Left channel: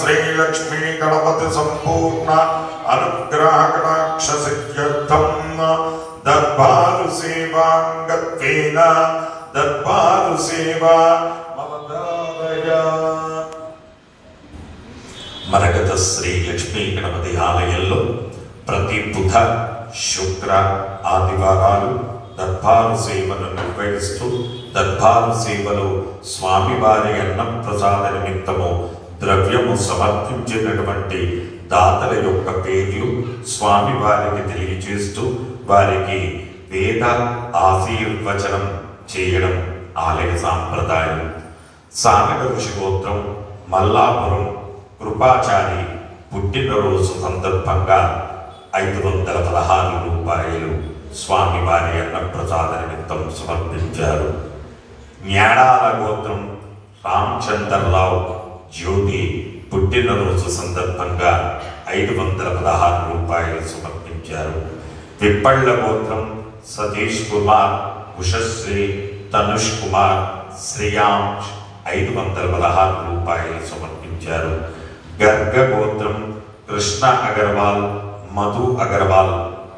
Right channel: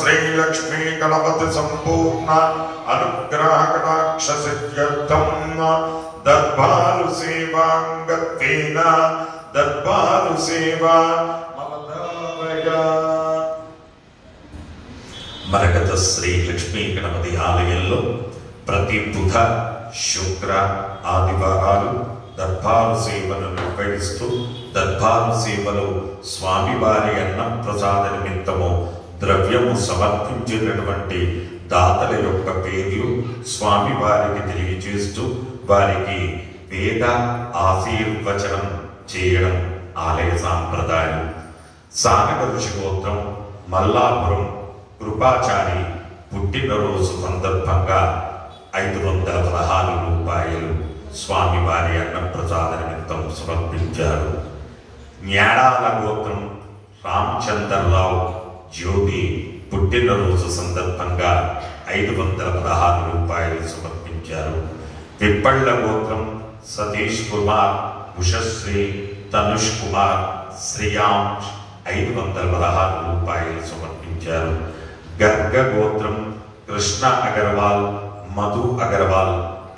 श्री लक्ष्मी गणपति संपूर्ण अनुग्रह कटाक्ष सिद्ध्यर्थम दरबार सेवांगत्वेन दरबार सेवा ममदारया। మరగత శ్రీ లక్ష్మీ గణపతి ఆలయంలో ప్రతి బుధ శుక్ర ఆదివారాలు దర్బారు సేవను నిర్వహిస్తూ దర్బారు సేవలో స్వామివారి అన్నం ప్రసాద నిమిత్తము ద్రవ్యము సమర్పించినటువంటి దాతల యొక్క పేర్లు స్వామివారికి తెలియజేస్తూ వారికి వేద ఆశీర్వచనం చేయడం ఆలయ సాంప్రదాయం. సానక ఋషి గోత్రం మల్లాపురం కృపాచారి పుట్టినరోజు సందర్భంగా 516 రూపాయలు స్వామివారి అన్నప్రసాద నిమిత్తం సమర్పించారు. న్యాడాల గోత్రం రామచంద్రరావు జ్యోతి పుట్టినరోజు సందర్భంగా 516 రూపాయలు సమర్పించారు. తిప్పళ్ల గోత్రం సతీష్ కుమార్ ఉషశ్రీ తనుష్ కుమార్ శ్రేయాంష్ 516 రూపాయలు సమర్పించారు. గర్గ గోత్రం కృష్ణ అగర్వాల్ మధు అగర్వాల్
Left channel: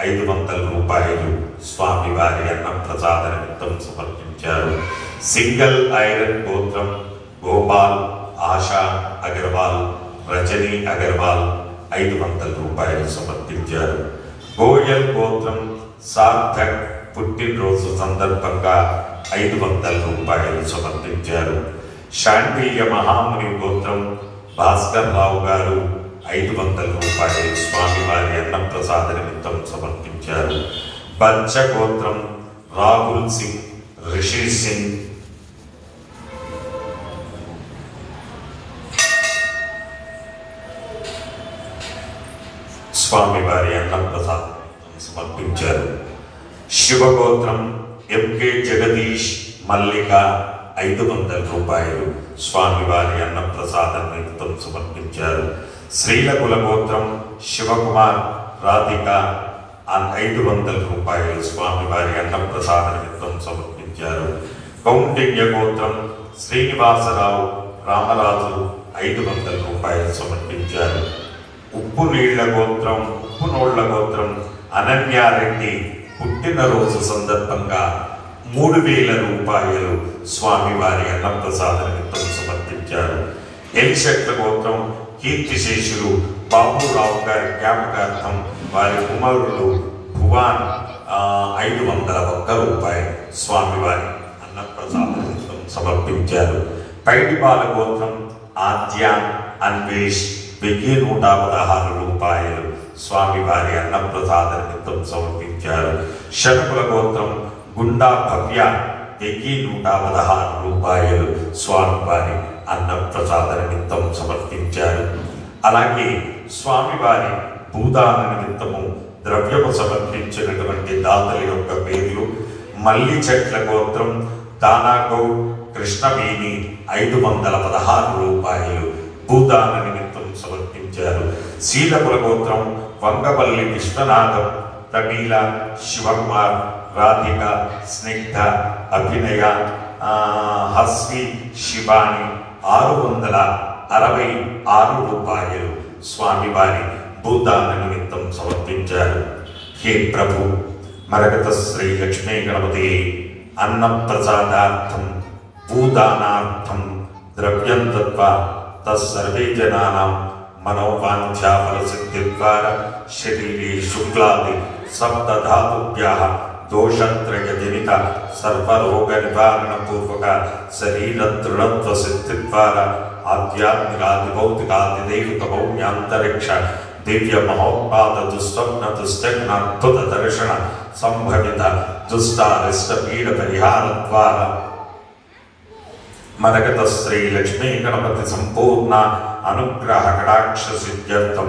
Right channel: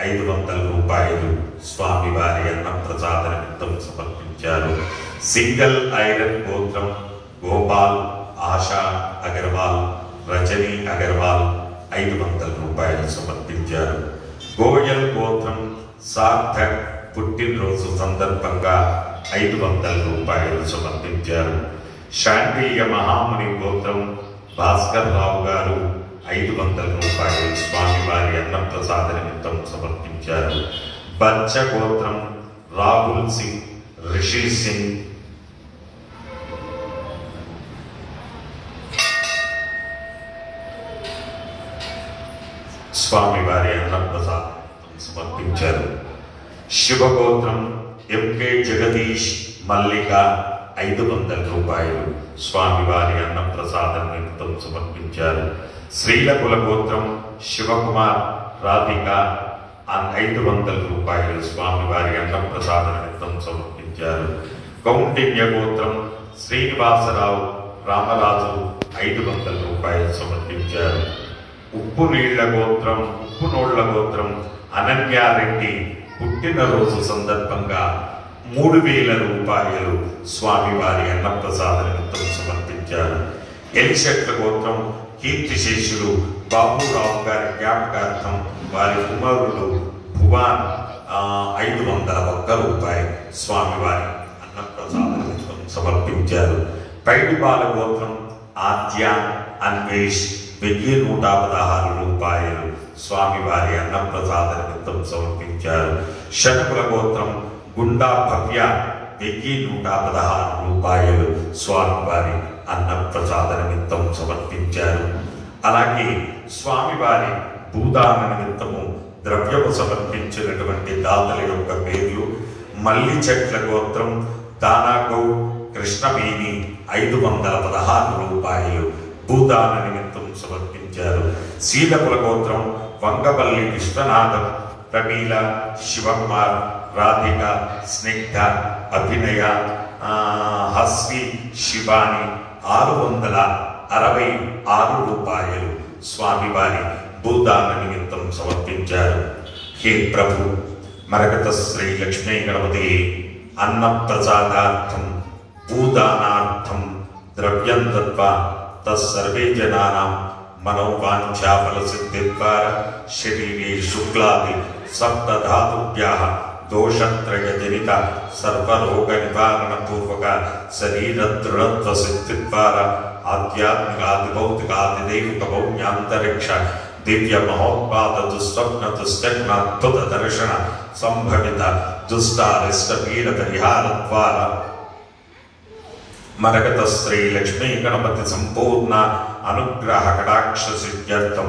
500 రూపాయలు స్వామివారి అన్నప్రసాద నిమిత్తం సమర్పించారు. సింగల్ ఐరన్ గోత్రం గోపాల్ ఆశా అగర్వాల్ రజనీ అగర్వాల్ 500 రూపాయలు సమర్పించారు. గోయల్ గోత్రం సార్థక్ పుట్టినరోజు సందర్భంగా 500 రూపాయలు సమర్పించారు. శాంతీయ మహాముని గోత్రం భాస్కర్ రావు గారు 500 రూపాయలు స్వామివారి అన్నప్రసాద నిమిత్తం సమర్పించారు. బచ్చ గోత్రం రాహుల్ సింగ్ రిషి సింగ్ స్వామివారి అన్నప్రసాదం సమర్పించారు. శివగోత్రం ఎంకే జగదీష్ మల్లిక 500 రూపాయలు స్వామివారి అన్నప్రసాద నిమిత్తం సమర్పించారు. శ్రీలకుల గోత్రం శివకుమార్ రాధిక 500 రూపాయలు స్వామివారి అన్నప్రసాద నిమిత్తం సమర్పించారు. కౌండిన్య గోత్రం శ్రీనివాసరావు రామరాజు 500 రూపాయలు సమర్పించారు. ఉప్పునోళ్ల గోత్రం అనన్యారెడ్డి పుట్టినరోజు సందర్భంగా 3000 రూపాయలు స్వామివారి అన్నప్రసాద నిమిత్తం సమర్పించారు. ఎలిశెట్ల గోత్రం కీర్తిశేషులు బాబురావు గారి జ్ఞాపకార్థం వారి కుమారులు భువాన్ 501 రూపాయలు స్వామివారి అన్నప్రసాద నిమిత్తం సమర్పించారు. పైడిపాల గోత్రం ఆద్య అన్వేష్ 1116 రూపాయలు స్వామివారి అన్నప్రసాద నిమిత్తం సమర్పించారు. శనకుల గోత్రం గుండా భవ్య 1116 రూపాయలు స్వామివారి అన్నప్రసాద నిమిత్తం సమర్పించారు. అలాగే స్వామివారి భూదాన నిమిత్తము ద్రవ్యము సమర్పించినటువంటి దాతల యొక్క పేర్లు మల్లి చెట్ల గోత్రం దానాగౌడ్ కృష్ణవేణి 516 రూపాయలు భూదాన నిమిత్తం సమర్పించారు. శీలకుల గోత్రం వంగపల్లి విశ్వనాథం ప్రమీల శివకుమార్ రాధిక స్నిగ్ధ అభినయ హస్వి శివాని 666 రూపాయలు స్వామివారి భూదాన నిమిత్తం సమర్పించారు. హే ప్రభు మరగత శ్రీ లక్ష్మీ గణపతి అన్నప్రసాదార్థం భూదానార్థం ద్రవ్యం దత్వా తస్సర్వే జనానాం మనోవాంఛాఫల సిద్ధిద్వార శరీరే శుక్లాది సప్తధాతుభ్యః దోషత్రయ జనిత సర్వరోగ నివారణ పూర్వక శరీర దృఢత్వ సిద్ధిద్వార ఆధ్యాత్మికాది భౌతికాది దైవిక భౌమ్యాంతరిక్ష దివ్య మహోత్పాద దుస్వప్న దుశ్చగ్న అద్భుత దర్శన సంభవిత దుష్టారిష్ట పీడ పరిహార ద్వారా మరగత శ్రీ లక్ష్మీ గణపతి సంపూర్ణ అనుగ్రహ కటాక్ష సిద్ధ్యర్థం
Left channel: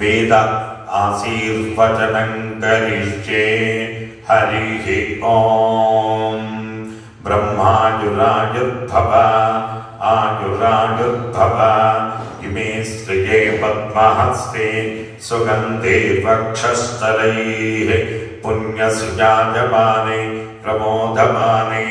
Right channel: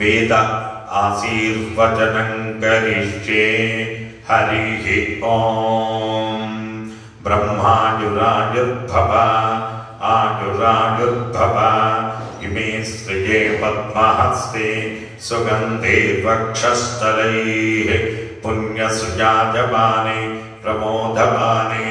వేద ఆశీర్వచనం కరిష్యే. హరి ఓం. బ్రహ్మాయురాయుర్భవ ఆయురాయుర్భవ ఇమే స్త్రియే పద్మహస్తే సుగంధే వక్షస్థలైః పుణ్యసుజాయమానే ప్రమోదమానే